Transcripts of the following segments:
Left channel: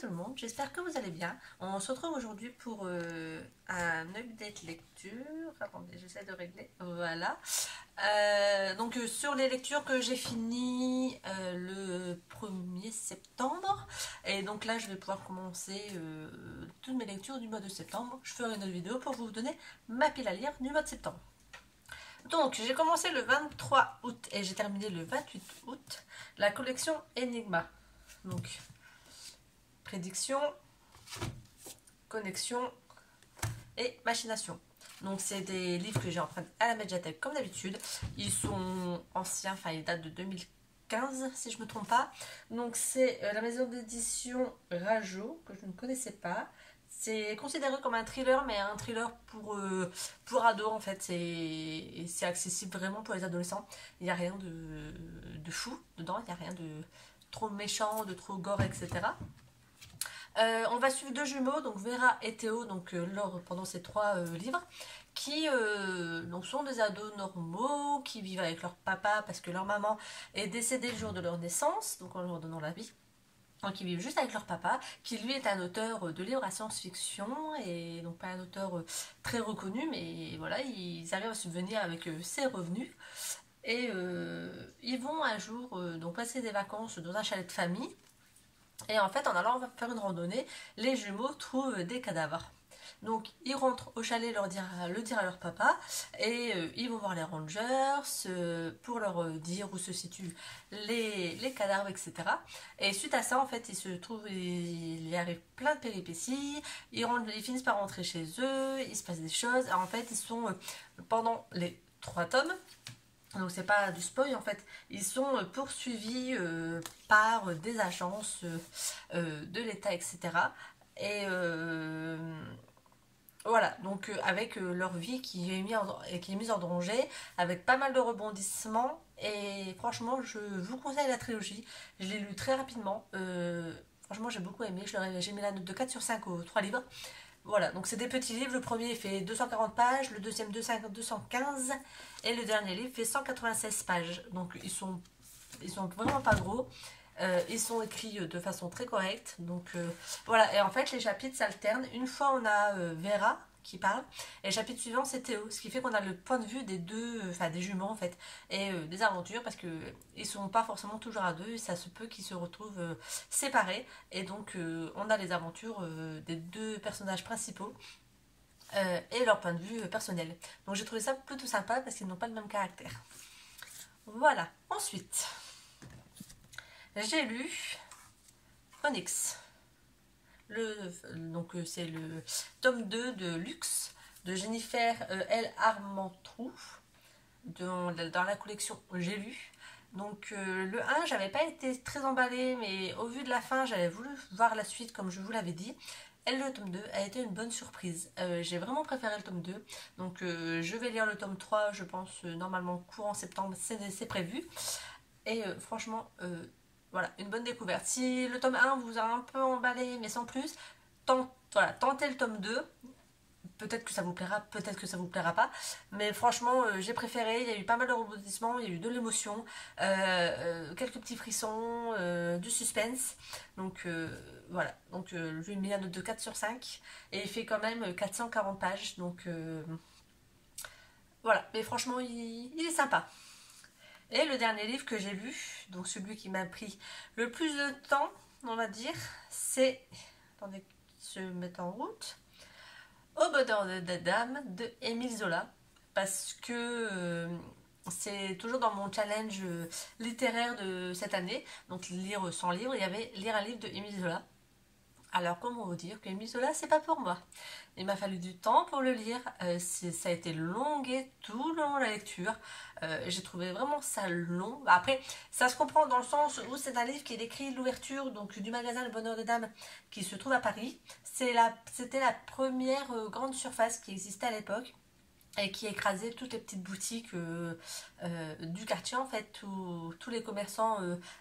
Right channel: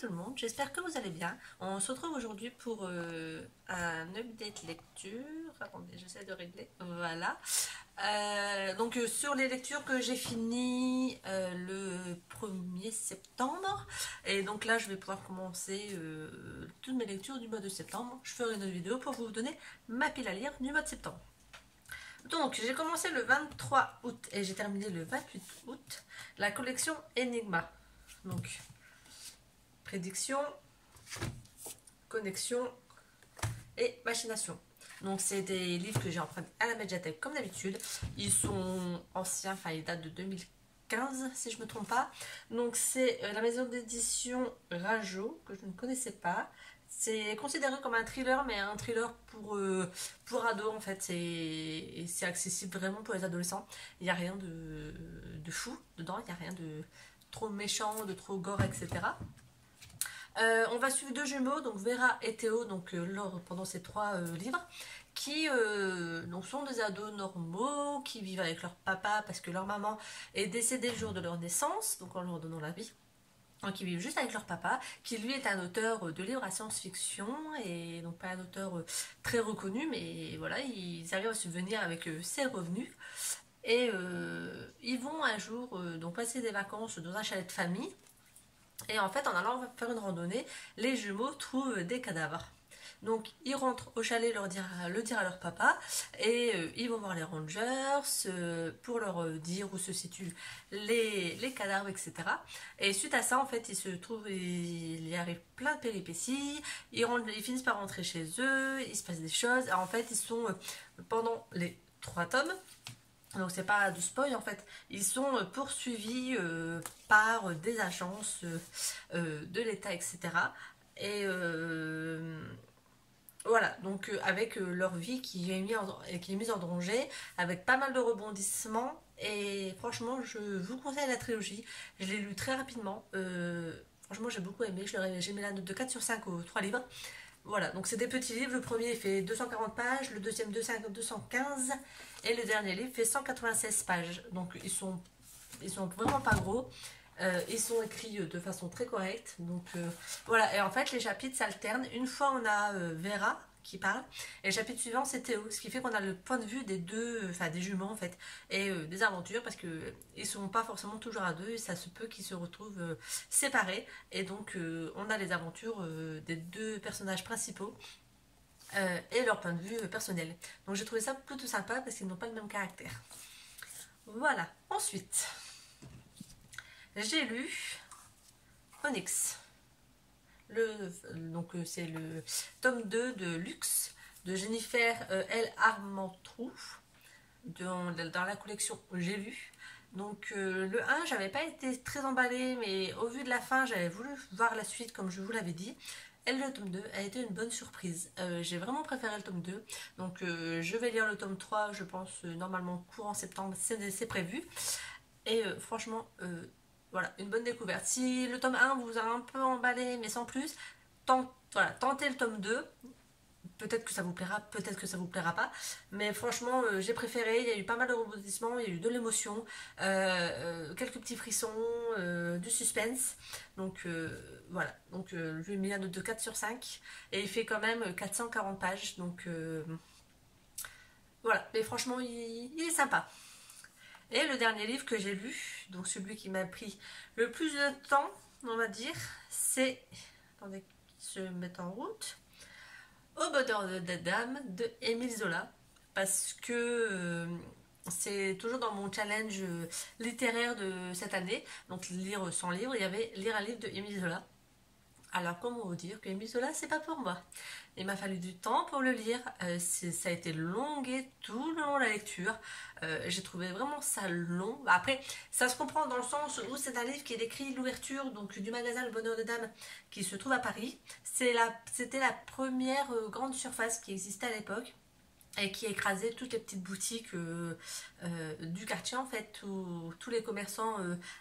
tout le monde, j'espère que vous allez bien. On se retrouve aujourd'hui pour un update lecture. Attendez, j'essaie de régler. Voilà. Sur les lectures que j'ai finies le 1er septembre. Et donc là, je vais pouvoir commencer toutes mes lectures du mois de septembre. Je ferai une autre vidéo pour vous donner ma pile à lire du mois de septembre. Donc, j'ai commencé le 23 août et j'ai terminé le 28 août la collection Enigma. Donc, prédiction, connexion et machination. Donc, c'est des livres que j'ai empruntés à la médiathèque comme d'habitude. Ils sont anciens, enfin, ils datent de 2015 si je ne me trompe pas. Donc, c'est la maison d'édition Rajo que je ne connaissais pas. C'est considéré comme un thriller, mais un thriller pour ados en fait. C'est accessible vraiment pour les adolescents. Il n'y a rien de fou dedans, il n'y a rien de trop méchant, de trop gore, etc. On va suivre deux jumeaux, donc Vera et Théo, donc pendant ces trois livres, qui donc sont des ados normaux, qui vivent avec leur papa parce que leur maman est décédée le jour de leur naissance, donc en leur donnant la vie. Donc ils vivent juste avec leur papa, qui lui est un auteur de livres à science-fiction, et donc pas un auteur très reconnu, mais voilà, ils arrivent à subvenir avec ses revenus. Et ils vont un jour donc passer des vacances dans un chalet de famille. Et en fait, en allant faire une randonnée, les jumeaux trouvent des cadavres. Donc ils rentrent au chalet le dire à leur papa et ils vont voir les rangers pour leur dire où se situent les cadavres, etc. Et suite à ça, en fait, il y arrive plein de péripéties, ils finissent par rentrer chez eux, il se passe des choses. Alors, en fait, ils sont pendant les 3 tomes, donc c'est pas du spoil en fait, ils sont poursuivis par des agences de l'État, etc. Et voilà, donc avec leur vie qui est mise en danger, avec pas mal de rebondissements. Et franchement, je vous conseille la trilogie. Je l'ai lu très rapidement. Franchement, j'ai beaucoup aimé. J'ai mis la note de 4 sur 5 aux 3 livres. Voilà, donc c'est des petits livres. Le premier fait 240 pages, le deuxième 215 et le dernier livre fait 196 pages. Donc ils sont vraiment pas gros. Ils sont écrits de façon très correcte. Donc voilà, et en fait les chapitres s'alternent. Une fois on a Vera qui parle, et le chapitre suivant c'est Théo, ce qui fait qu'on a le point de vue des deux, enfin des jumeaux en fait, et des aventures, parce que ils sont pas forcément toujours à deux, et ça se peut qu'ils se retrouvent séparés, et donc on a les aventures des deux personnages principaux et leur point de vue personnel. Donc j'ai trouvé ça plutôt sympa parce qu'ils n'ont pas le même caractère. Voilà, ensuite j'ai lu Onyx. Donc c'est le tome 2 de Luxe de Jennifer L. Armentrout dans la collection J'ai lu. Donc le 1, j'avais pas été très emballée, mais au vu de la fin, j'avais voulu voir la suite comme je vous l'avais dit. Et le tome 2 a été une bonne surprise. J'ai vraiment préféré le tome 2. Donc je vais lire le tome 3, je pense, normalement courant septembre, c'est prévu. Et franchement, voilà, une bonne découverte. Si le tome 1 vous a un peu emballé, mais sans plus, tentez le tome 2. Peut-être que ça vous plaira, peut-être que ça vous plaira pas. Mais franchement, j'ai préféré. Il y a eu pas mal de rebondissements, il y a eu de l'émotion, quelques petits frissons, du suspense. Donc voilà. Donc je lui ai mis la note de 4 sur 5. Et il fait quand même 440 pages. Donc voilà. Mais franchement, il est sympa. Et le dernier livre que j'ai lu, donc celui qui m'a pris le plus de temps, on va dire, c'est... Attendez qu'il se mette en route. Au bonheur de Dame de Émile Zola. Parce que c'est toujours dans mon challenge littéraire de cette année. Donc lire 100 livres, il y avait lire un livre de Émile Zola. Alors comment vous dire que Émile Zola c'est pas pour moi. Il m'a fallu du temps pour le lire, ça a été longué tout le long de la lecture, j'ai trouvé vraiment ça long. Après ça se comprend dans le sens où c'est un livre qui décrit l'ouverture donc du magasin Le Bonheur de Dame qui se trouve à Paris. C'était la première grande surface qui existait à l'époque et qui écrasait toutes les petites boutiques du quartier en fait, où tous les commerçants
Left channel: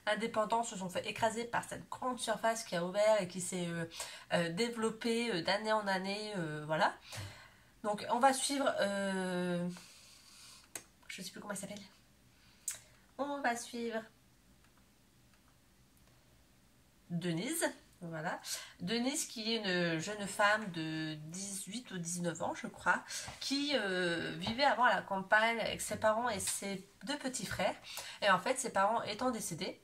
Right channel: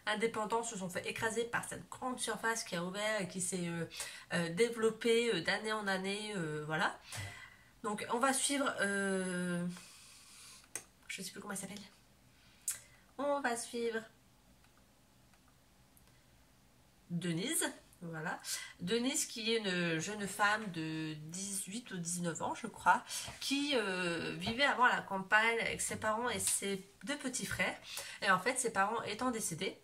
indépendants se sont fait écraser par cette grande surface qui a ouvert et qui s'est développée d'année en année, voilà. Donc on va suivre, je sais plus comment elle s'appelle, on va suivre Denise. Voilà, Denise qui est une jeune femme de 18 ou 19 ans je crois, qui vivait avant à la campagne avec ses parents et ses deux petits frères. Et en fait ses parents étant décédés,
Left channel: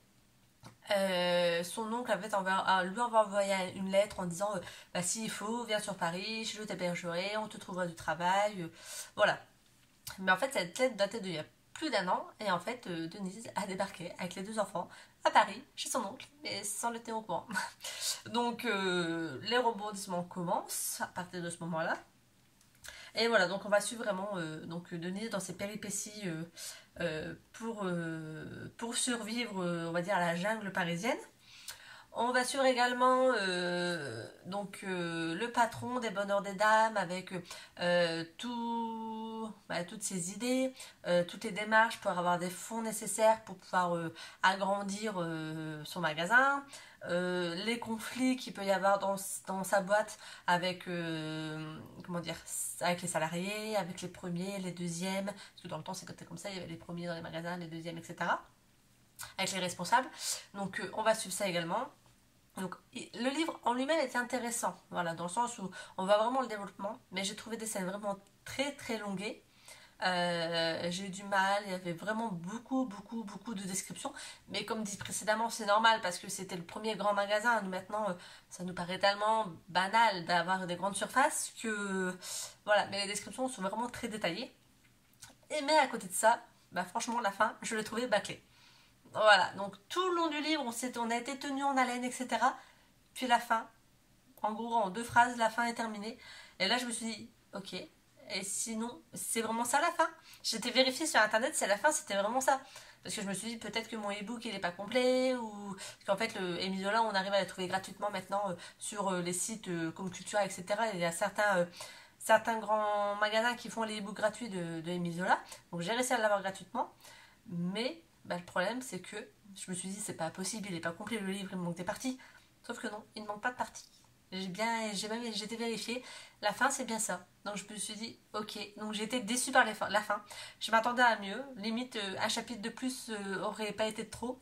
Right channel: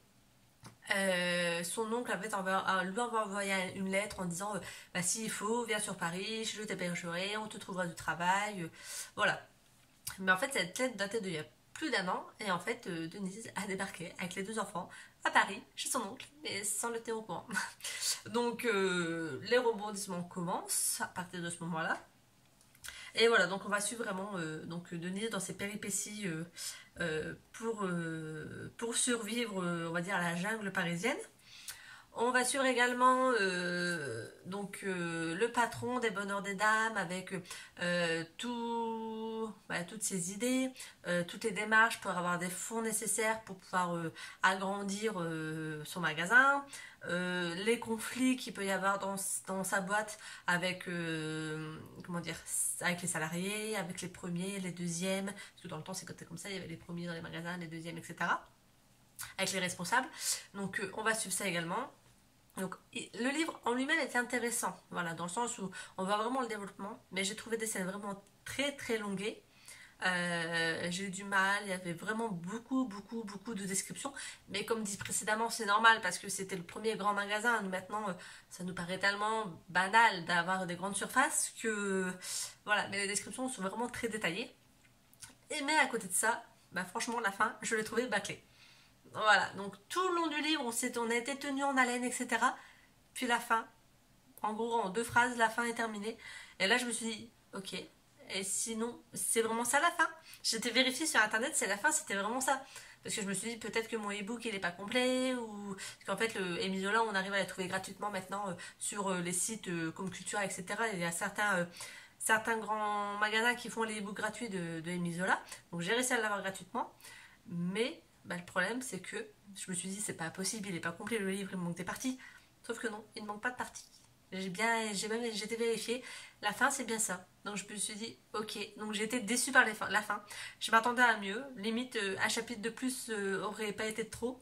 son oncle avait lui avait envoyé une lettre en disant bah, s'il faut, viens sur Paris, je t'hébergerai, on te trouvera du travail. Voilà. Mais en fait, cette lettre datait d'il y a plus d'un an, et en fait, Denise a débarqué avec les deux enfants à Paris, chez son oncle, mais sans le tenir au courant. Donc, les rebondissements commencent à partir de ce moment-là. Et voilà, donc on va suivre vraiment donc Denise dans ses péripéties pour survivre, on va dire, à la jungle parisienne. On va suivre également le patron des Bonheurs des Dames avec toutes ses idées, toutes les démarches pour avoir des fonds nécessaires pour pouvoir agrandir son magasin, les conflits qu'il peut y avoir dans sa boîte avec, avec les salariés, avec les premiers, les deuxièmes, parce que dans le temps c'était comme ça, il y avait les premiers dans les magasins, les deuxièmes, etc. Avec les responsables. Donc on va suivre ça également. Donc, le livre en lui-même était intéressant, voilà, dans le sens où on voit vraiment le développement, mais j'ai trouvé des scènes vraiment très très longuées. J'ai eu du mal, il y avait vraiment beaucoup de descriptions, mais comme dit précédemment, c'est normal parce que c'était le premier grand magasin. Nous, maintenant, ça nous paraît tellement banal d'avoir des grandes surfaces que voilà, mais les descriptions sont vraiment très détaillées. Mais à côté de ça, bah, franchement, la fin, je l'ai trouvée bâclée. Voilà, donc tout le long du livre, on a été tenu en haleine, etc. Puis la fin, en gros, en 2 phrases, la fin est terminée. Et là, je me suis dit, ok, et sinon, c'est vraiment ça la fin? J'étais vérifiée sur internet si à la fin c'était vraiment ça. Parce que je me suis dit, peut-être que mon e-book il est pas complet, ou. Parce qu'en fait, le Emisola, on arrive à les trouver gratuitement maintenant sur les sites comme Cultura, etc. Il y a certains grands magasins qui font les e-books gratuits de Emisola. Donc j'ai réussi à l'avoir gratuitement. Mais bah, le problème, c'est que je me suis dit, c'est pas possible, il est pas complet le livre, il me manque des parties. Sauf que non, il ne manque pas de parties. J'ai été vérifiée, la fin c'est bien ça. Donc je me suis dit, ok, donc j'ai été déçue par la fin. Je m'attendais à mieux, limite un chapitre de plus aurait pas été de trop.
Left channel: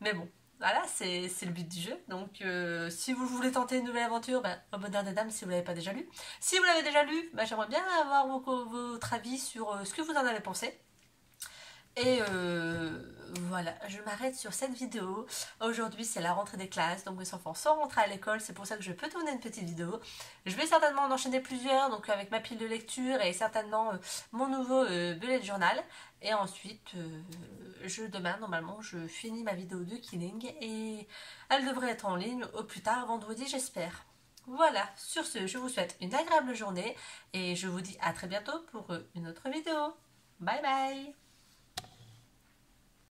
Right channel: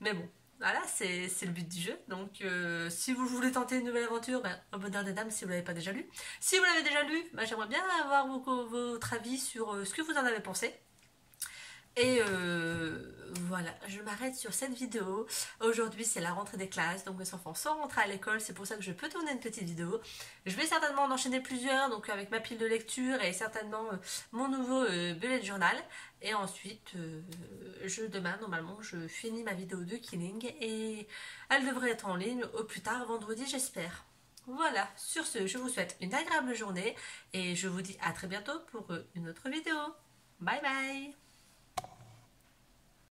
Mais bon, voilà, c'est le but du jeu. Donc si vous voulez tenter une nouvelle aventure, bah, au Bonheur des Dames si vous l'avez pas déjà lu. Si vous l'avez déjà lu, bah, j'aimerais bien avoir votre avis sur ce que vous en avez pensé. Et voilà, je m'arrête sur cette vidéo. Aujourd'hui, c'est la rentrée des classes, donc mes enfants sont rentrés à l'école, c'est pour ça que je peux tourner une petite vidéo. Je vais certainement en enchaîner plusieurs, donc avec ma pile de lecture et certainement mon nouveau bullet journal. Et ensuite, demain, normalement, je finis ma vidéo de Killing et elle devrait être en ligne au plus tard vendredi, j'espère. Voilà, sur ce, je vous souhaite une agréable journée et je vous dis à très bientôt pour une autre vidéo. Bye bye!